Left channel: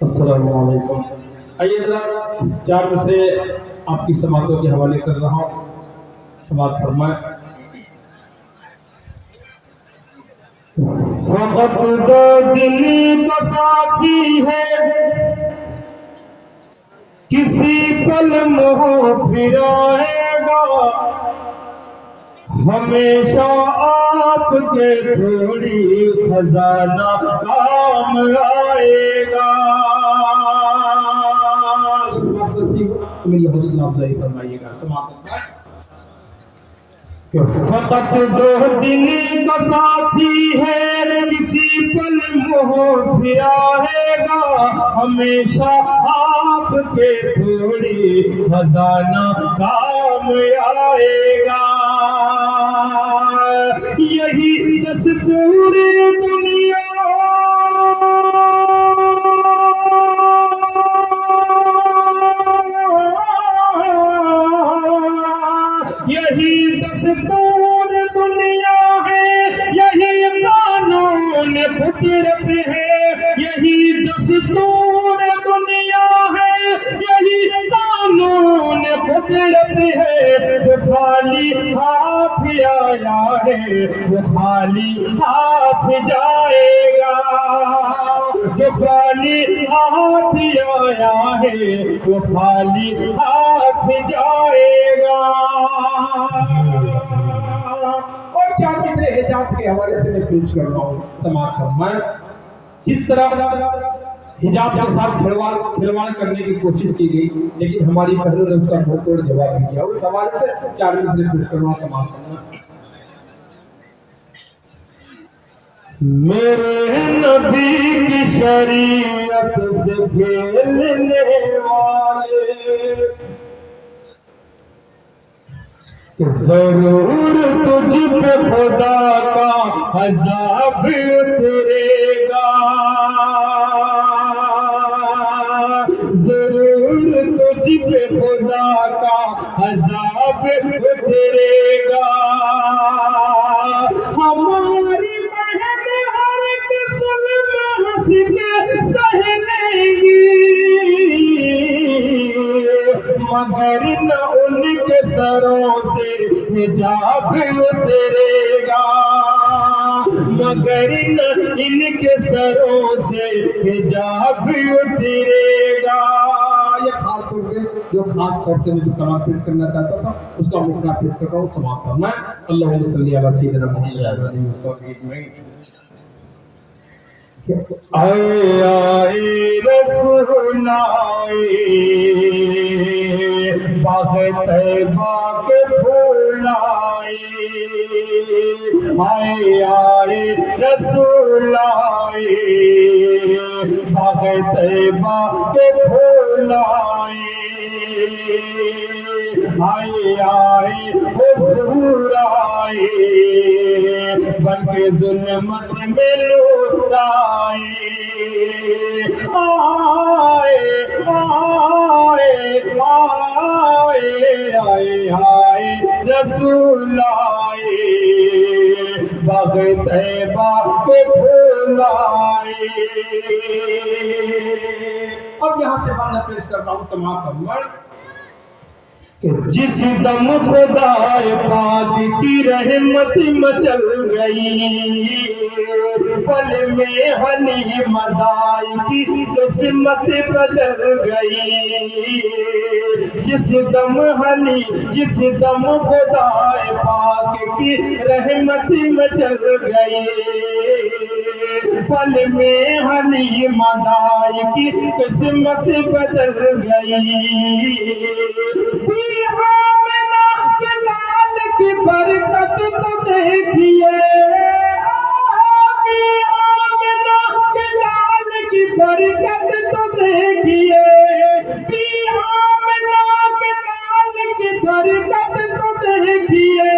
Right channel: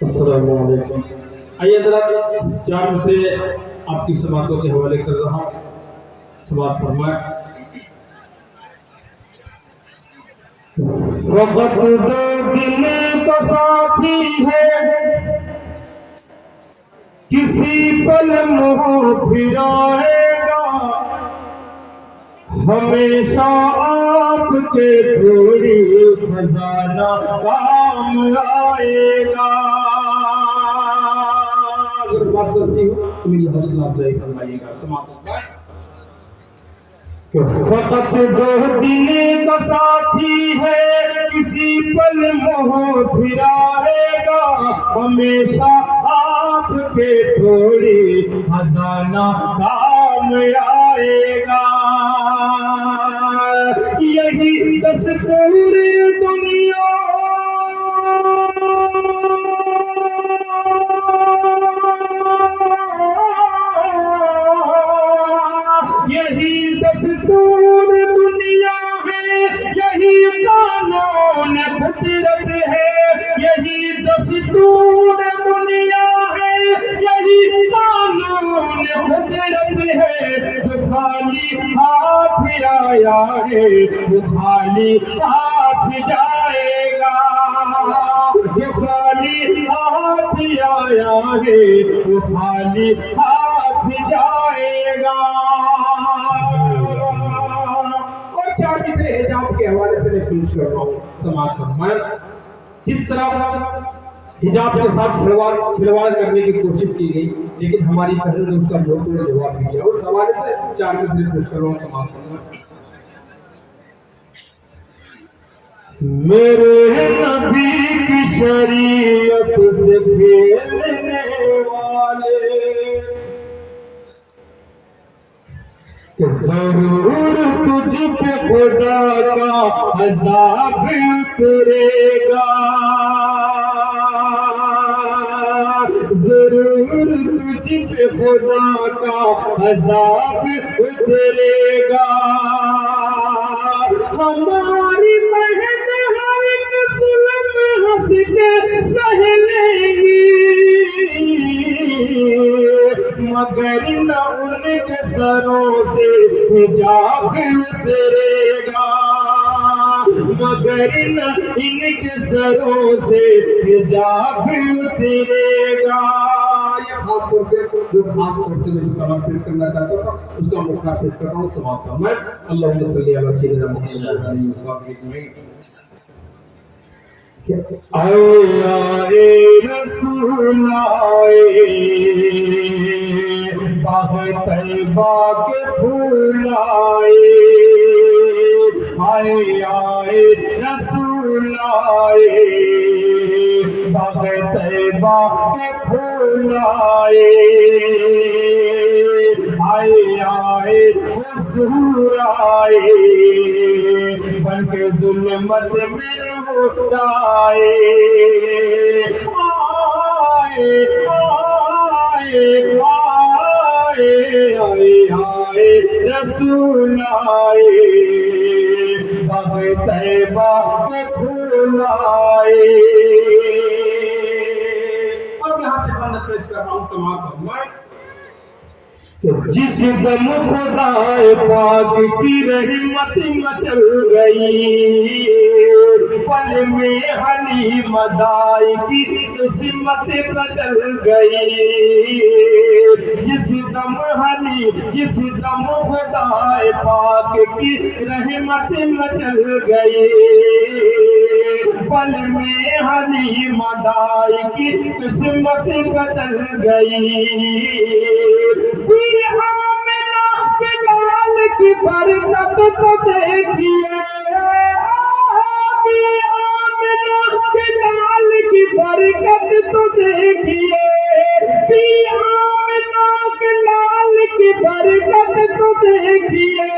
السلام علیکم۔ آئیے ذرا چار مصرے آپ کی سماعتوں کے حوالے کر رہا ہوں، سماعت فرمائیں۔ وقت دو دل کا ساتھی ہے، کسی پل منہ پھرائے گا، ہمیشہ آپ کے تھوڑی خزانہ کام آئے گا۔ فاصل جی میری حوصلہ افزائی فرمائیے گا، سماعت فرمائیں۔ فقط دو دل کا ساتھی ہے، کسی پل منہ پھرائے گا، ہمیشہ آپ کے تھوڑی خزانہ کام آئے گا۔ یہی دستور دنیا یہی دستور دنیا ہے، یہی قانون فطرت ہے، یہی دستور دنیا ہے، یہی قانون فطرت ہے۔ جو خالی ہاتھ آیا ہے وہ خالی ہاتھ جائے گا، جو خالی ہاتھ آیا ہے وہ خالی ہاتھ جائے گا۔ اور چار مصرے حجاب کے حوالے سے میں پیش کر رہا ہوں، سماعت فرمائیں۔ جس طرح حجاب کے ساتھ کھلواڑ کرنے کی کوشش کی گئی، لیکن ہماری بہنوں نے اس کا منہ توڑ جواب بھی دیا، اس حوالے سے چار مصرے پیش کر رہا ہوں، سماعت فرمائیں۔ میرے نبی کی شریعت سے کھیلنے والے، کہ ضرور تجھ پہ خدا کا عذاب اترے گا، ضرور تجھ پہ خدا کا عذاب اترے گا۔ ہماری بہن ہر ایک ظلم ہنس کے سہ لیں گی، مگر نہ ان کے سروں سے حجاب اترے گا، مگر نہ ان کے سروں سے حجاب اترے گا۔ یہ خاص طور سے جو خاص طور سے میں جو کلام پیش کرنا چاہتا تھا اس کا مقرر پیش کر رہا ہوں، سماعت فرمائیں۔ اللہم صلی علی سیدنا محمد علیہ وسلم۔ آئے آئے رسول آئے، باغ طیبہ کے پھول آئے، آئے آئے رسول آئے، باغ طیبہ کے پھول آئے، آئے آئے حضور آئے، بن کے ظلمت میں نور آئے، آئے آئے آئے آئے آئے رسول آئے، باغ طیبہ کے پھول آئے۔ اب یہاں سے بات پیش کر رہا ہوں، سماعت فرمائیں۔ کہ جس دم خدا پاک کی رحمت مچل گئی، پل میں حلیم دائی کی قسمت بدل گئی، جس دم خدا پاک کی رحمت مچل گئی، پل میں حلیم دائی کی قسمت بدل گئی۔ آمنہ کے لال کی برکت تو دیکھیے، آمنہ کے لال کی برکت تو دیکھیے، آمنہ کے لال کی برکت تو دیکھیے،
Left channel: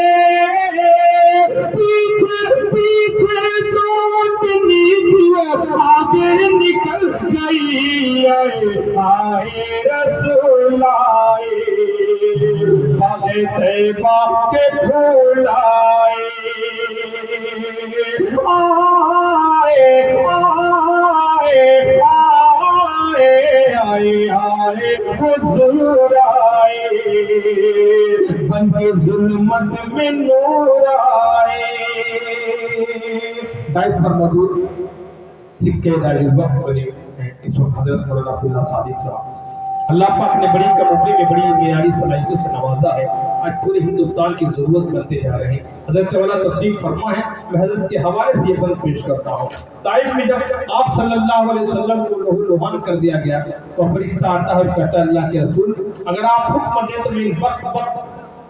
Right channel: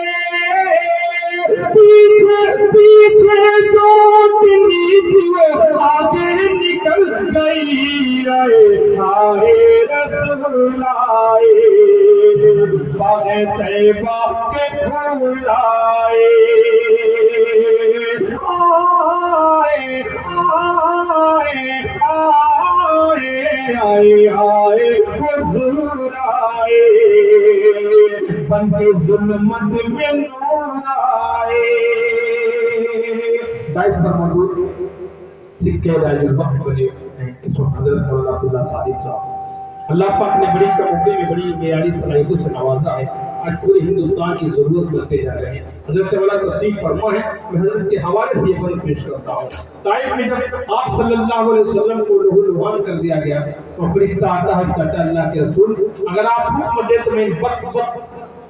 پیچھے پیچھے جو اتنی تھی وہ آگے نکل گئی، آئے آئے رسول آئے، باغ طیبہ کے پھول آئے، آئے آئے آئے کی ظلمت میں نور آئے. ڈائس پر موجود سکے دائل الوقت بنے ہیں اس وقت حضرت مولانا عبداللہ صادق صاحب. اللہ پاک نے بڑی کم عمری میں بڑی معیاری صلاحیتوں سے نوازا ہے. آج پورے ہندوستان کی ضرورت بنتے جا رہے ہیں. حضرت والا تشریف فرما ہے. میں حضرت کے حوالے سے یہ بند پیش کرتا ہوں. طائف میں جب آپ صلی اللہ علیہ وسلم کو لہو لہان کر دیا گیا تو فرشتہ آتا ہے اور کہتا ہے اللہ کے رسول اگر آپ حکم دیں تو میں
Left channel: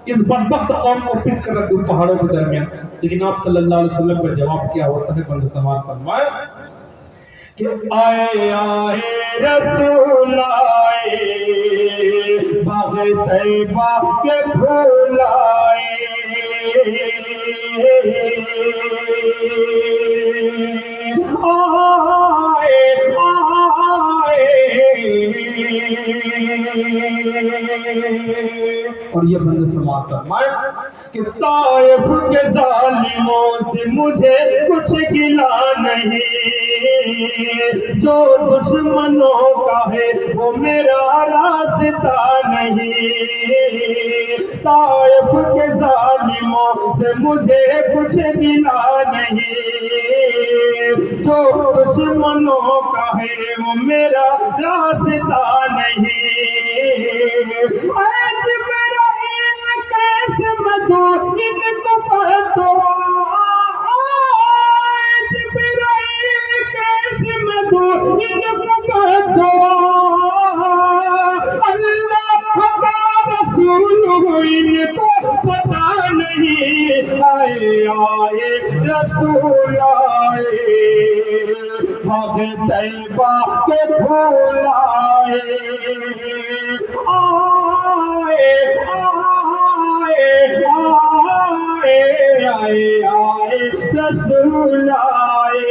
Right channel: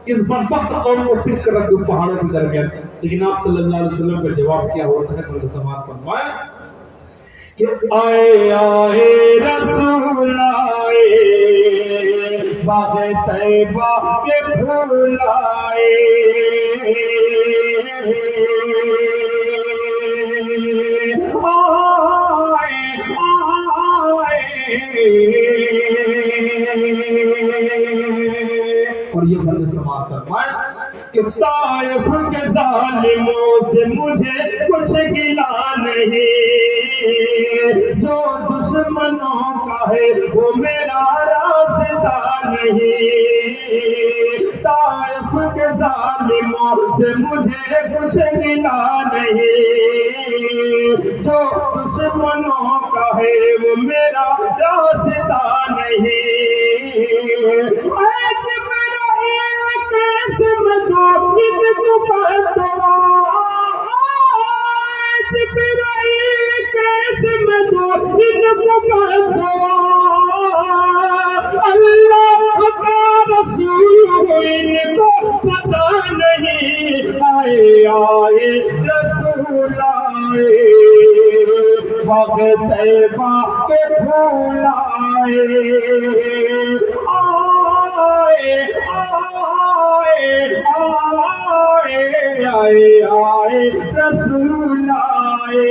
اس بدبخت قوم کو پس کر رکھ دوں پہاڑوں کے درمیان. لیکن آپ صلی اللہ علیہ وسلم کا جواب کیا ہوتا ہے؟ بند سماعت فرمائے کہ آئے آئے رسول آئے باغ طیبہ کے پھول آئے. اور یہ بند سماعت فرمائے کہ طائف کے ظالموں سے مجھے کچھ گلا نہیں، جو دشمنوں کا ہے وہ میرا راستہ نہیں. طائف کے ظالموں سے مجھے کچھ گلا نہیں، جو دشمنوں کا ہے وہ میرا راستہ نہیں. اللہ کا رسول ان کو پتہ نہیں. آئے آئے رسول آئے باغ طیبہ کے پھول آئے. آئے آئے آئے آئے آئے رسول آئے.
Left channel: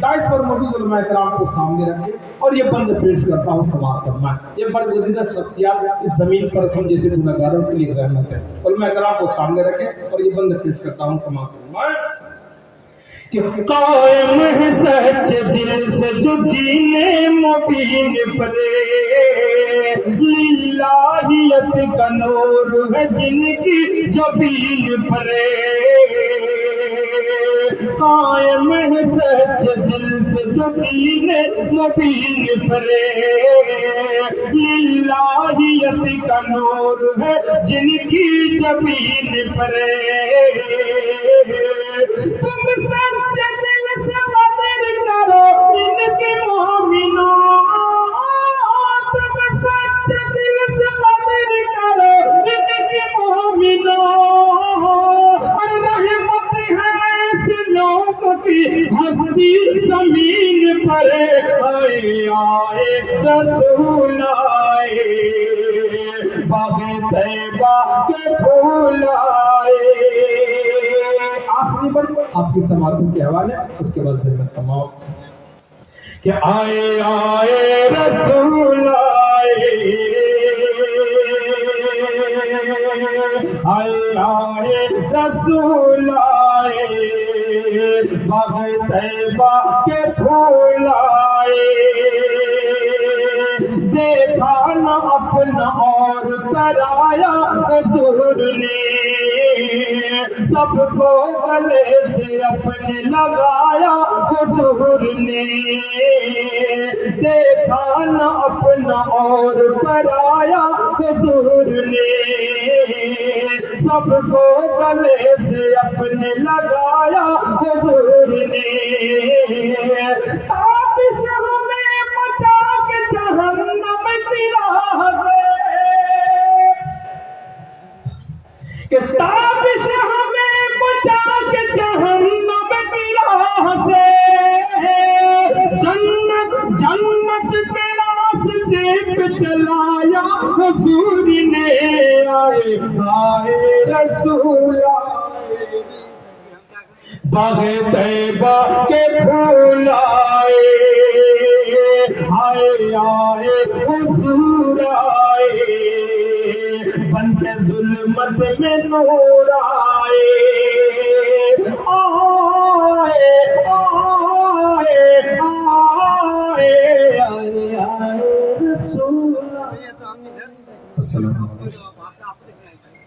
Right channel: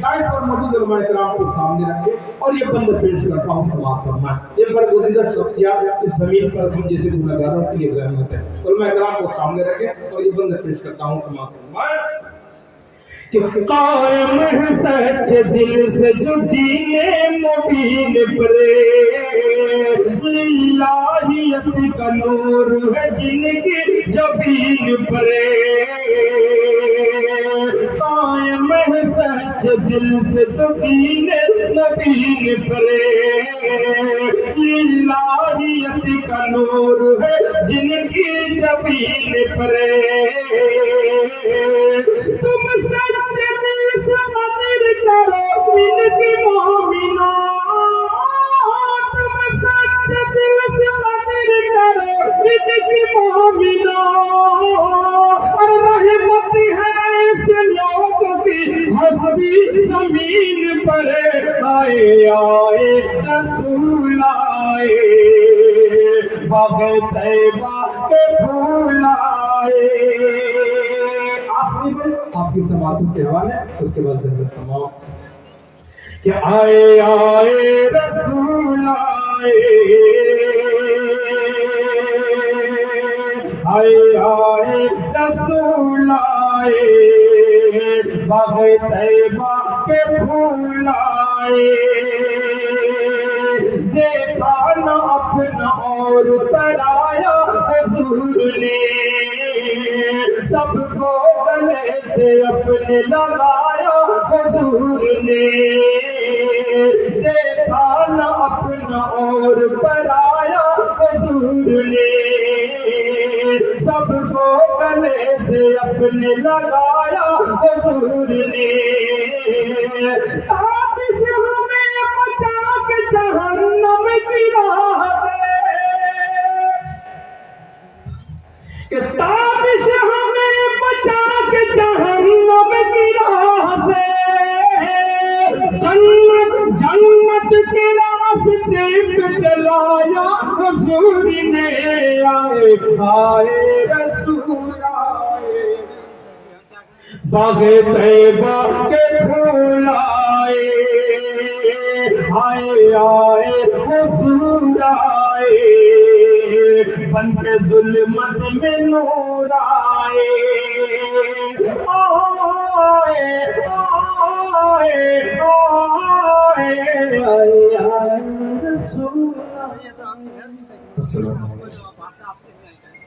ڈائس پر موجود علماء کرام کو سامنے رکھے اور یہ بند پیش کرتا ہوں سماعت فرمائے. یہ برگزیدہ شخصیات اس زمین پر ہم جیسے گنہگاروں کے لیے رحمت ہے. علماء کرام کو سامنے رکھے اور یہ بند پیش کرتا ہوں سماعت فرمائے کہ قائم ہے سچ دل سے جو دین مبین پرے، للہیت کا نور ہے جن کی جبین پرے. قائم ہے سچ دل سے جو دین مبین پرے، للہیت کا نور ہے جن کی جبین پرے. تم سچ دل سے قدر کرو ان کے مومنوں، تم سچ دل سے قدر کرو ان کے مومنوں. رحمت ہے اس لوگ کی ہستی زمین پر. آئے آئے رسول آئے باغ طیبہ کے پھول آئے. آخری بار آپ کی سماعتوں کے حوالے اس کے بعد ذکر تمام کہ آئے آئے رسول آئے آئے آئے رسول آئے باغ طیبہ کے پھول آئے. دیکھا نہ اپنا اور پرایا حضور نے، سب کو گلے سے اپنے لگایا حضور نے. دیکھا نہ اپنا اور پرایا حضور نے، سب کو گلے سے اپنے لگایا حضور نے. تابش ہمیں بچا کے جہنم کی راہ سے، کہ تابش ہمیں بچا کے جہنم کی راہ سے. جنت کے راستے پہ چلایا حضور نے. آئے آئے رسول آئے باغ طیبہ کے پھول آئے. آئے آئے حضور آئے بن کے ظلمت میں نور آئے. آئے آئے آئے آئے آئے رسول السلام علیکم.